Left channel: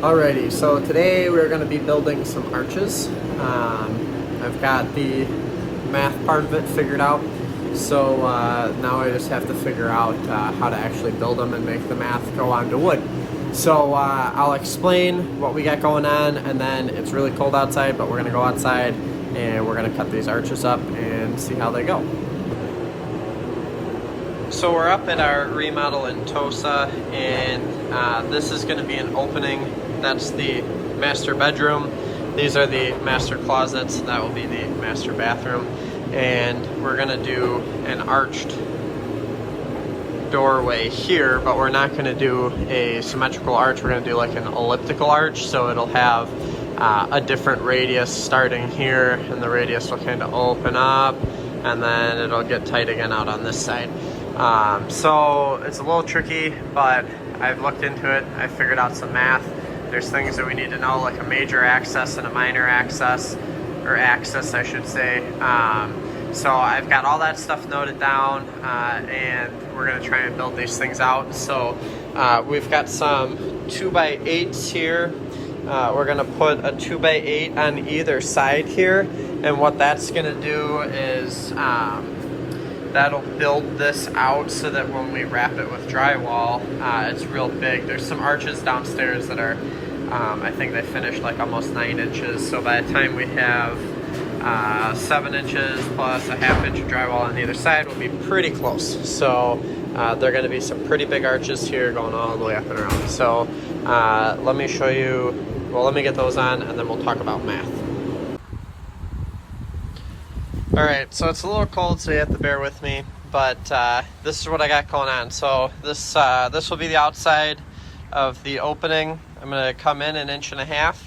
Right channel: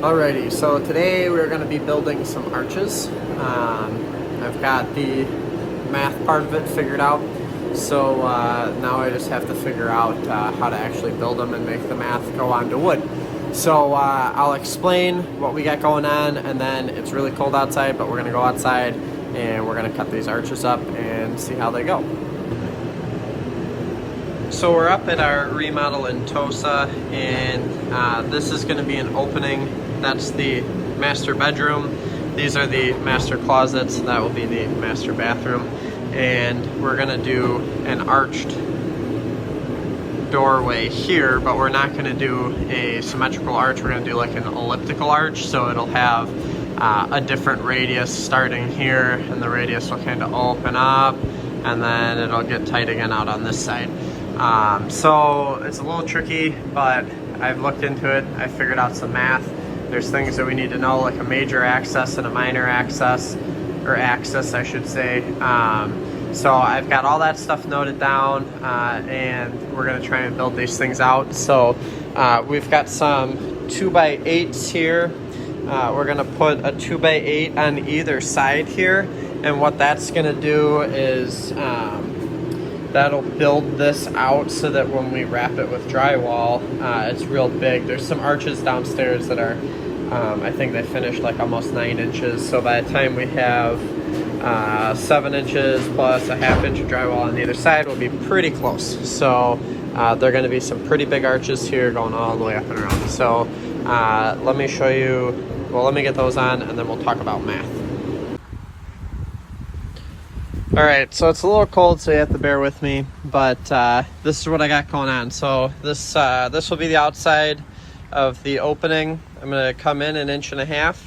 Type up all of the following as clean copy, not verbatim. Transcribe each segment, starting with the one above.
Alrighty, so today we're going to be building some arches. I've got the math part of it figured out, so now I just have to figure out how to actually build them and make the math go onto wood. So I'll explain what we got going on, and then it's really cold outside, but we're going to go outside and we're going to cut these arches up and see how they go. So we're up at our remodel in Tosa, and this is going to be an opening. That's the master bedroom. These are the master closets. That will be the master bathroom. And we're going to do an arched doorway here, but we're not going to do a symmetrical arch. We're going to do like an elliptical arch, so it'll have a different radius starting here, and the radius will kind of open up, and then it'll get tight again out on this side. So it's a little tricky, but I've looked into it. I figured out some math. There's things that we need to know, like a major axis and a minor axis, or axis I should say. So I've got all that stuff noted down, and we're gonna try and build these things out. So we've got some 2x8s here. We're gonna put a 2x8 on either side here, and what that's gonna do is that'll build this out so that when we wrap it with drywall, it's real big. There's some arches downstairs that are, I think they finished like almost 9 inches. So by the time we have 7 inches plus a ½ inch of drywall on either side, we'll be pretty close. So they're gonna be some pretty big arches here going all the way up and around. So let me show you, well, let me get those on and then we'll talk about math. All right, so it's a little cold, so you have to bear with me, but this is what I got going on. So this will be the outside of the opening. I'm gonna come in 1.5 inches,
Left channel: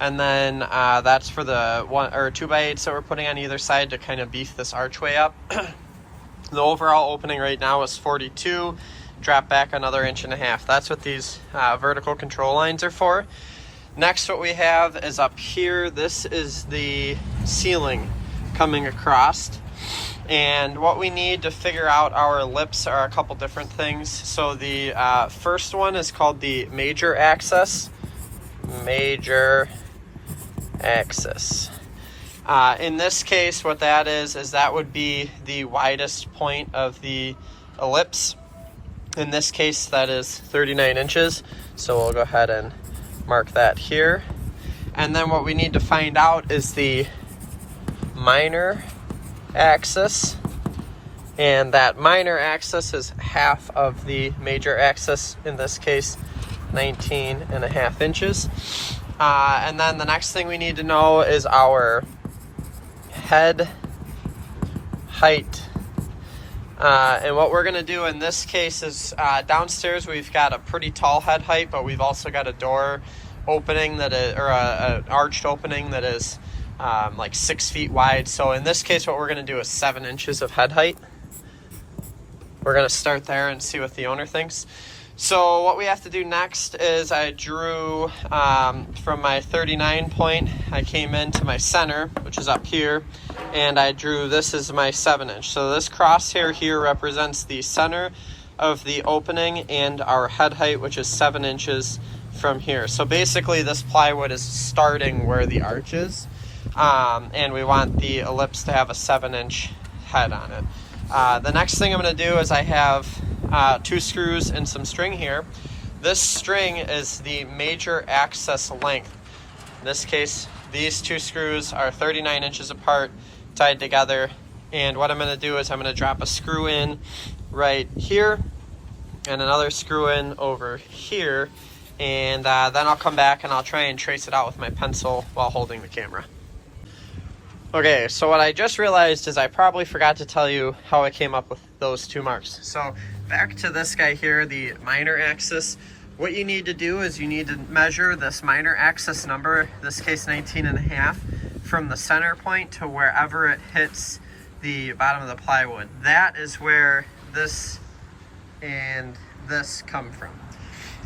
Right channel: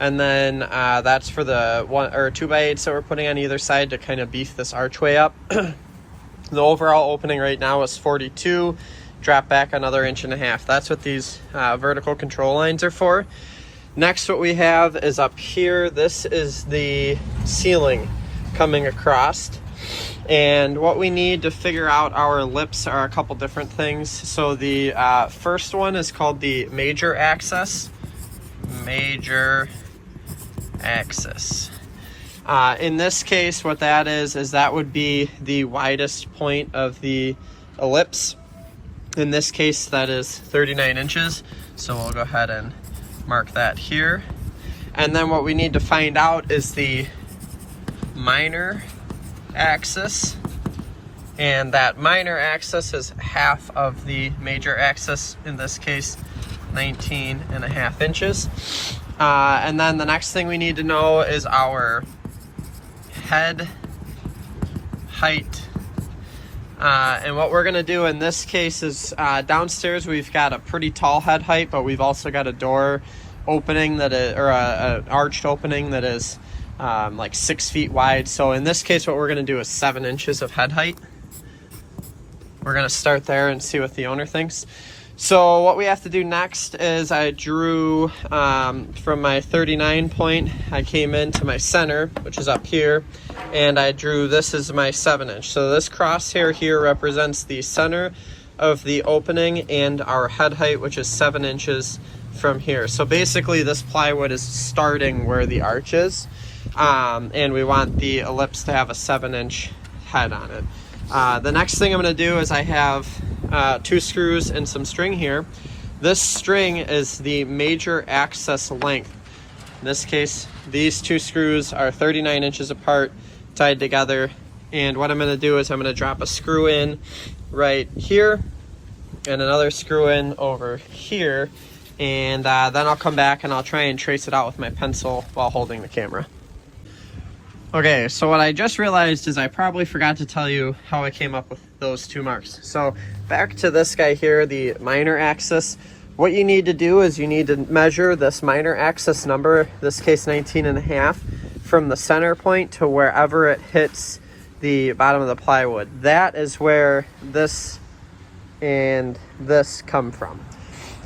and then that's for the 2x8s that we're putting on either side to kind of beef this archway up. The overall opening right now is 42, drop back another 1.5 inches. That's what these vertical control lines are for. Next, what we have is up here, this is the ceiling coming across, and what we need to figure out our ellipse are a couple different things. So the first one is called the major axis. In this case, what that is that would be the widest point of the ellipse. In this case, that is 39 inches. So we'll go ahead and mark that here. And then what we need to find out is the minor axis, and that minor axis is half of the major axis, in this case 19.5 inches. And then the next thing we need to know is our head height. And what we're gonna do in this case is downstairs we've got a pretty tall head height, but we've also got a door opening that is, or an arched opening that is like 6 feet wide. So in this case, what we're going to do is 7 inches of head height. We're going to start there and see what the owner thinks. So what we have to do next is I drew from my 39 point, I came into my center, which is up here, and I drew this as my 7 inch. So this crosshair here represents the center of the opening and our head height, which is 7 inches from here. So basically this plywood is starting where the arch is. And we want the ellipse to have a 7-inch head on it. The next thing I'm going to do is I have 2 screws and some string here. This string is the major axis length. In this case, these 2 screws are 39 inches apart, tied together. And what I'm going to do is I'm going to drop a screw in right here and another screw in over here. And then I'll come back and I'll try and trace it out with my pencil while holding the camera. Okay, so what I just realized is I probably forgot to tell you how I came up with those 2 marks. So back to this guy here, the minor axis. What you need to do is you need to measure this minor axis number, this case 19.5, from the center point to wherever it hits the bottom of the plywood. That is where this and this come from.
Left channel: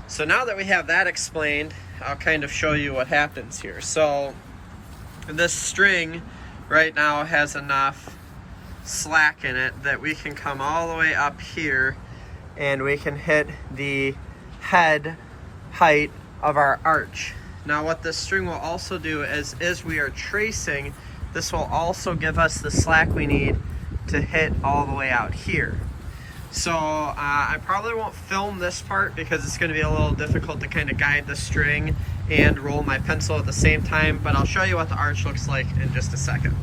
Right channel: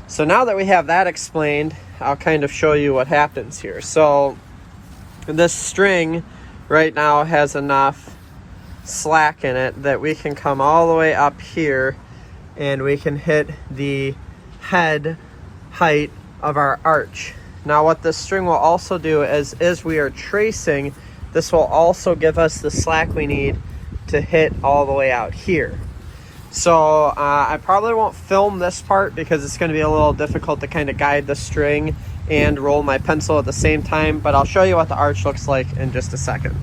So now that we have that explained, I'll kind of show you what happens here. So this string right now has enough slack in it that we can come all the way up here and we can hit the head height of our arch. Now what this string will also do is, as we are tracing, this will also give us the slack we need to hit all the way out here. So I probably won't film this part because it's going to be a little difficult to kind of guide the string and roll my pencil at the same time, but I'll show you what the arch looks like in just a second.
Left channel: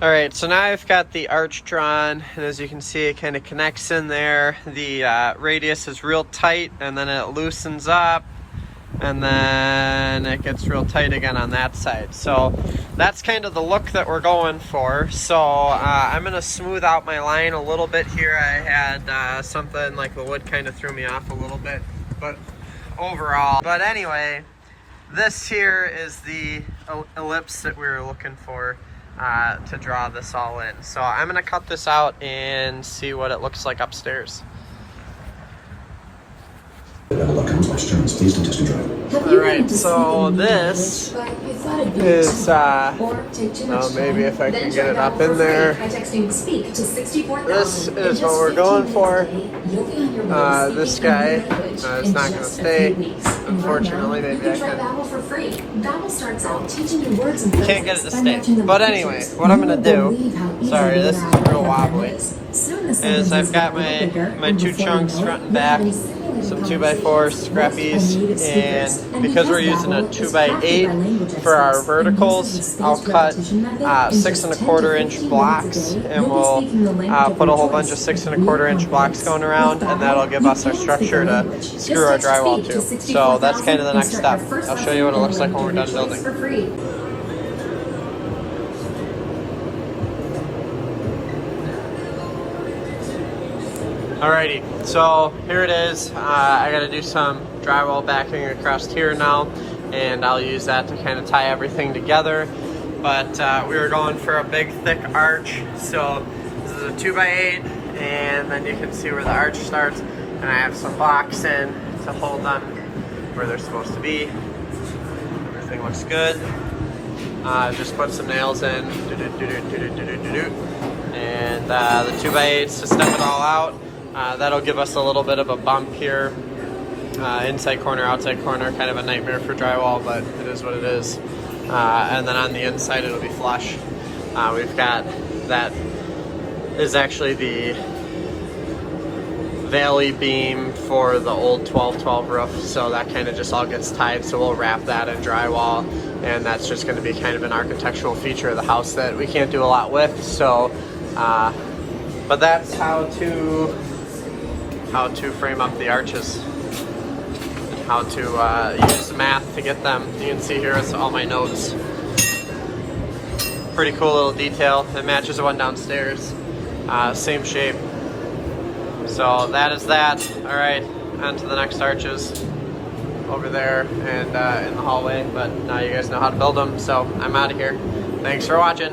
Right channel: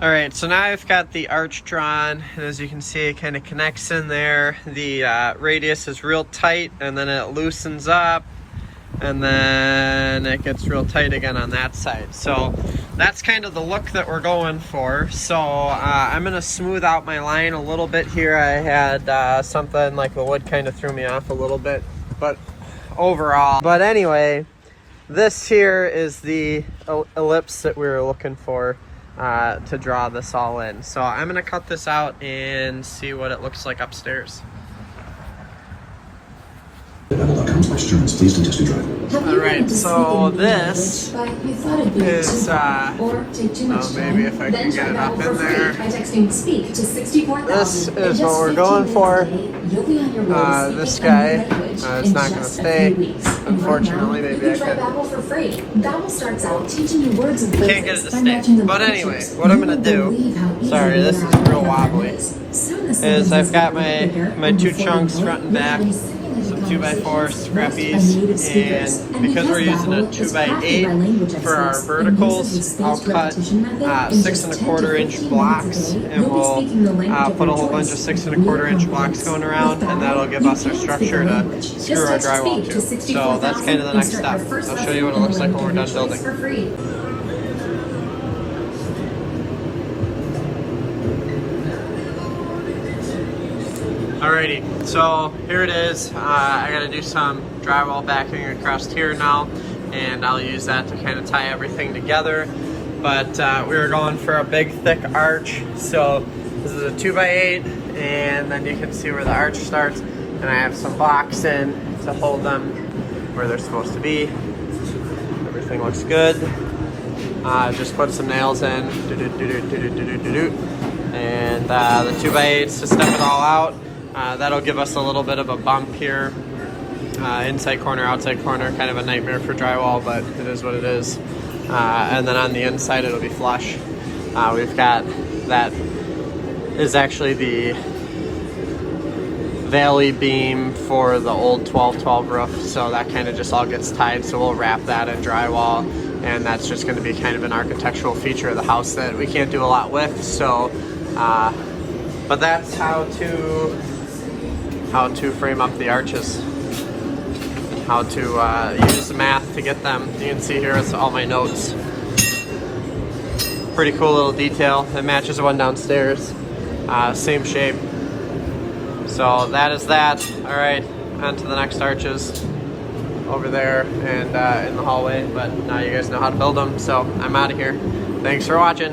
All right, so now I've got the arch drawn, and as you can see, it kind of connects in there. The radius is real tight, and then it loosens up, and then it gets real tight again on that side. So that's kind of the look that we're going for. So I'm gonna smooth out my line a little bit here. I had something like the wood kind of threw me off a little bit, but overall. But anyway, this here is the ellipse that we were looking for to draw this all in. So I'm gonna cut this out and see what it looks like upstairs. Alright, so this is, maybe if I can get it up in there. This is what we're going for. This guy, it's not going to stay, unfortunately. Maybe I can't get it to stay. But anyway, what I'm going to do, sorry, this is real wobbly, is I've got my two chunks front and back, some 2x4 scrappies, and because we're using a 2x8 for our verticals, I'll cut 6 1/4 inch blocks, and we'll put a whole bunch of 6 1/4 inch blocks going around, and that'll give us our structure to screw our drywall to. So that's kind of the next step. I'll show you what it looks like when we're done building. Alrighty, so here it is. I gotta do some drywall backing across here now, and I'll use that to kind of tie everything together. But we were going for a big thick arch, so this is a 2x8, and then you can see where the arch starts, and I have some blocks in to hold them where they're supposed to be. Everything looks good. Just put some nails in, and the 2x8s to step it all out. That'll give us a little bit of a bump here. Inside corner, outside corner, kind of a nightmare for drywall, but it is what it is. And then on the inside, it'll be flush. We've got, that is actually the valley beam for the old 12-12 roof, so that kind of just all gets tied, so we'll wrap that in drywall, and that's just going to be kind of an architectural feature of the house that we can't do a lot with. So but that's how to frame up the arches, how to use the math to get them. You can see here is all my notes. Pretty cool little detail. It matches the one downstairs, same shape. So that is that. All right, on to the next arches over there and in the hallway, but now you guys know how to build them, so I'm out of here. Thanks for watching.